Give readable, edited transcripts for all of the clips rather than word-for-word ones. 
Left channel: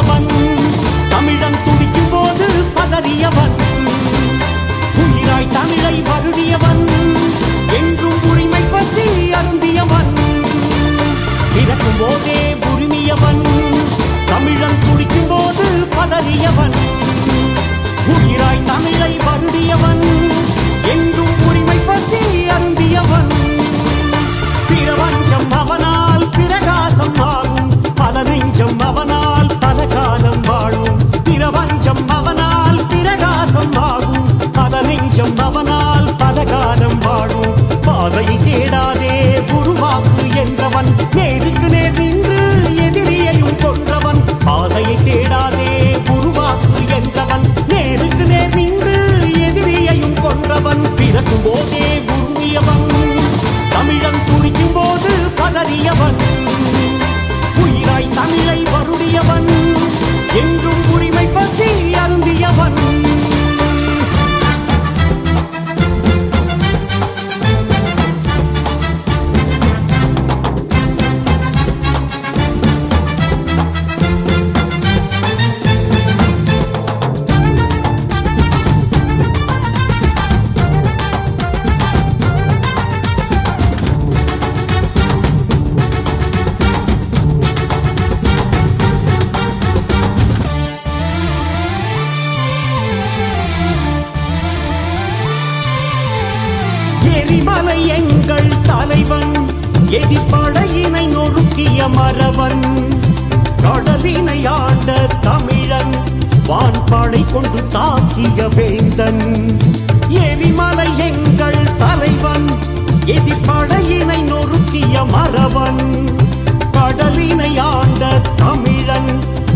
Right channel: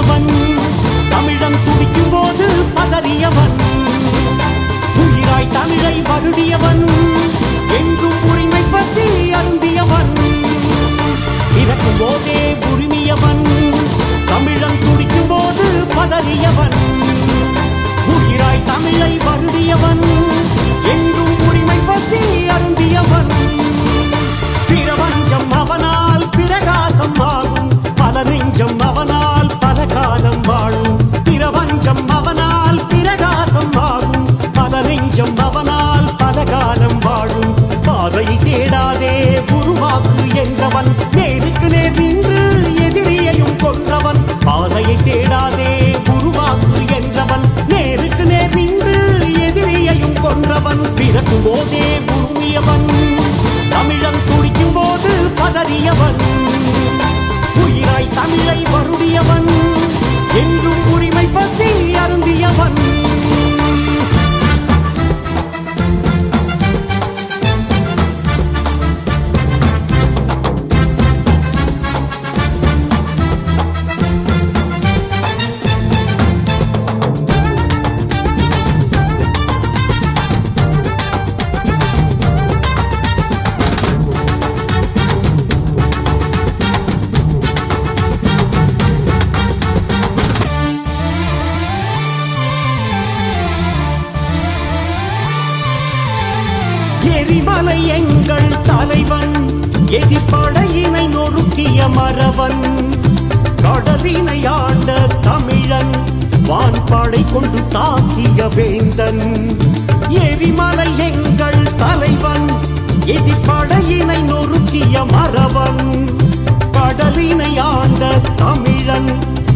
வருடியவன் தமிழன் துடிக்கும் போது பதறியவன் உயிராய் தமிழை வருடியவன் என்றும் உரிமை பசி அருந்தியவன் பிறக்கும் போதே உரிமையவன் தமிழன் துடிக்கும் போது பதறியவன் உயிராய் தமிழை வருடியவன் என்றும் உரிமை பசி அருந்தியவன் பிரபஞ்சம் அவனால் பிரகாசம் ஆகும் பல நெஞ்சம் அவனால் பல காலம் வாழும் பிரபஞ்சம் அவனால் பிரகாசம் ஆகும் பல நெஞ்சம் அவனால் பல காலம் வாழும் பாதையை தேடாதே உருவாக்கு என்றவன் நேருக்கு நேர் நின்று எதிரியையும் கொன்றவன் பாதையை தேடாதே உருவாக்கு என்றவன் நேருக்கு நேர் நின்று எதிரியையும் கொன்றவன் பிறக்கும் போதே உருமியவன் தமிழன் துடிக்கும் போது பதறியவன் உயிராய் தமிழை வருடியவன் என்றும் உரிமை பசி அருந்தியவன் எரிமலை எங்கள் தலைவன் எதிர்ப்படையினை நொறுக்கிய மறவன் கடலினை ஆண்ட தமிழன் வான்படை கொண்டு தாக்கிய வேந்தன் எரிமலை எங்கள் தலைவன் எதிர்ப்படையினை நொறுக்கிய மறவன் கடலினை ஆண்ட தமிழன்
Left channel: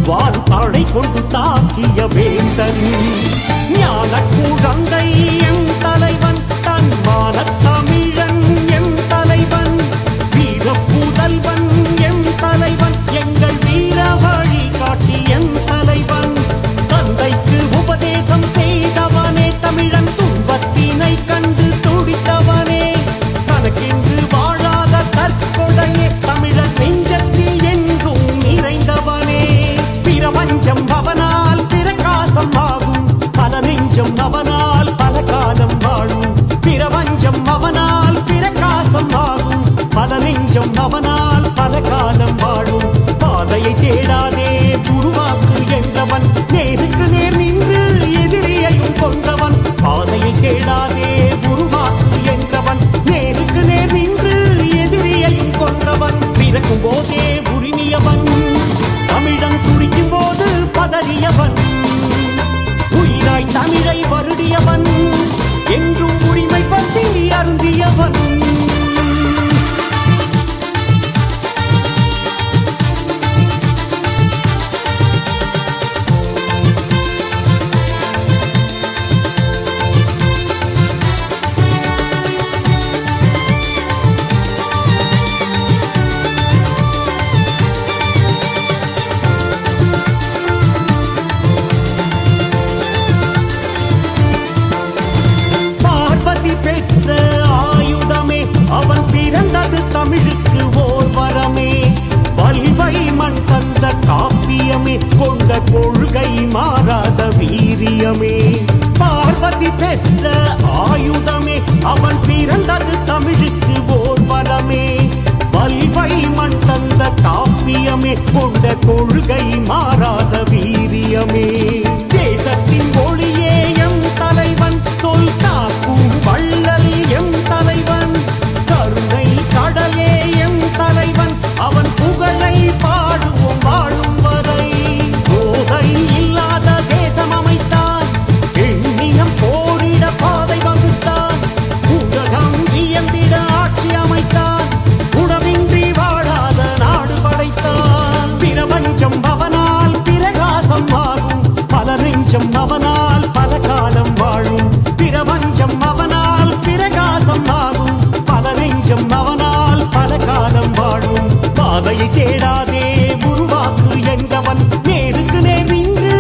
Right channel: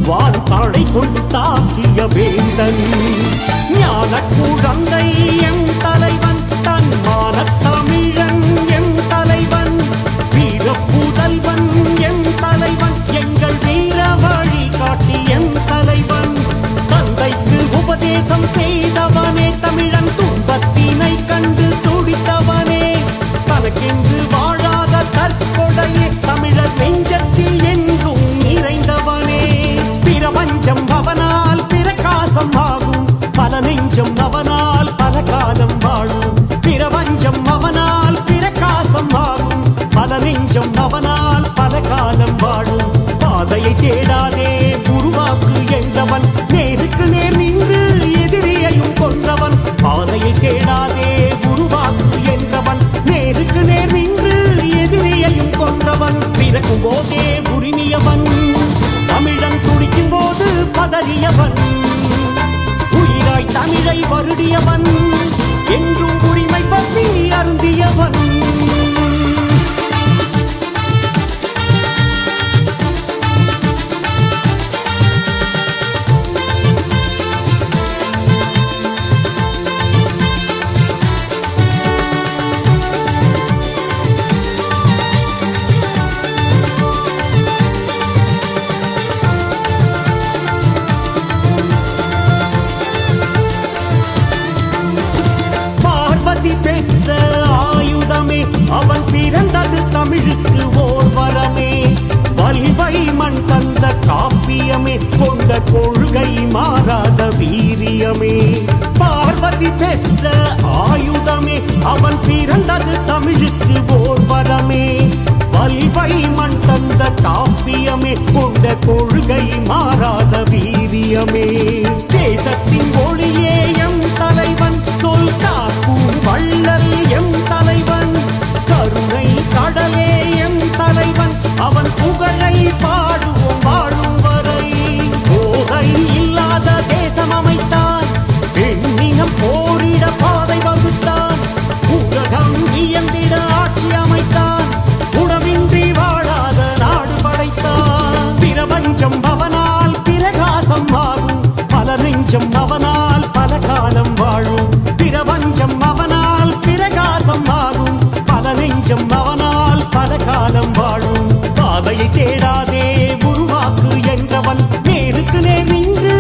வான்படை கொண்டு தாக்கிய வேந்தன் ஞான குழந்தை எம் தலைவன் தன்மான தமிழன் எம் தலைவன் வீர புதல்வன் எம் தலைவன் எங்கள் வீர வழி காட்டி எம் தலைவன் தந்தைக்கு உபதேசம் செய்தவனே தமிழன் துன்பத்தினை கண்டு துடித்தவனே தனக்கென்று வாழாத தற்கொடையே தமிழர் நெஞ்சத்தில் என்றும் நிறைந்தவனே பிரபஞ்சம் அவனால் பிரகாசம் ஆகும் பல நெஞ்சம் அவனால் பல காலம் வாழும் பிரபஞ்சம் அவனால் பிரகாசம் ஆகும் பல நெஞ்சம் அவனால் பல காலம் வாழும் பாதையை தேடாதே உருவாக்கு என்றவன் நேருக்கு நேர் நின்று எதிரியையும் கொன்றவன் பாதையை தேடாதே உருவாக்கு என்றவன் நேருக்கு நேர் நின்று எதிரியையும் கொன்றவன் பிறக்கும் போதே உரிமையவன் தமிழன் துடிக்கும் போது பதறியவன் உயிராய் தமிழை வருடியவன் என்றும் உரிமை பசி அருந்தியவன் பெற்ற ஆயுதமே அவன் பிறந்தது தமிழுக்கு ஓர் வரமே வல்வை மண் தந்த காப்பியமே கொண்ட கொள்கை மாறாத வீரியமே பார்வதி பெற்ற ஆயுதமே அவன் பிறந்தது தமிழுக்கு ஓர் வரமே வல்வை மண் தந்த காப்பியமே கொண்ட கொள்கை மாறாத வீரியமே தேசத்தின் ஒளியே எம் தலைவன் சொல் காக்கும் வள்ளல் எம் தலைவன் கருணை கடலே எம் தலைவன் அவன் புகழை பாடுவோம் வாழும் வரை போதை இல்லாத தேசம் அமைத்தான் பெண்ணினம் போரிட பாதை வகுத்தான் உலகம் வியந்திட ஆட்சி அமைத்தான் உணவின்றி வாழாத நாடு படைத்தான் பிரபஞ்சம் அவனால் பிரகாசம் ஆகும் பல நெஞ்சம் அவனால் பல காலம் வாழும் பிரபஞ்சம் அவனால் பிரகாசம் ஆகும் பல நெஞ்சம் அவனால் பல காலம் வாழும் பாதையை தேடாதே உருவாக்கு என்றவன் நேருக்கு நேர் நின்று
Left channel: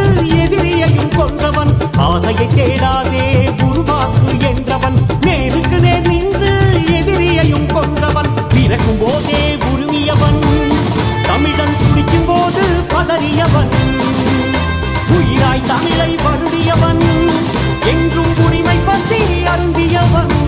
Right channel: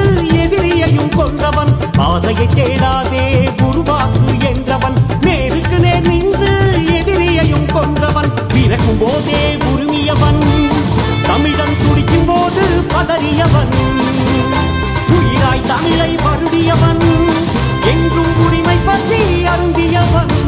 எதிரியையும் கொன்றவன் பாதையை தேடாதே உருவாக்கு என்றவன் நேருக்கு நேர் நின்று எதிரியையும் கொன்றவன் பிறக்கும் போதே உரிமையவன் தமிழன் துடிக்கும் போது பதறியவன், உயிராய் தமிழை வருடியவன், என்றும் உரிமை பசி அருந்தியவன்.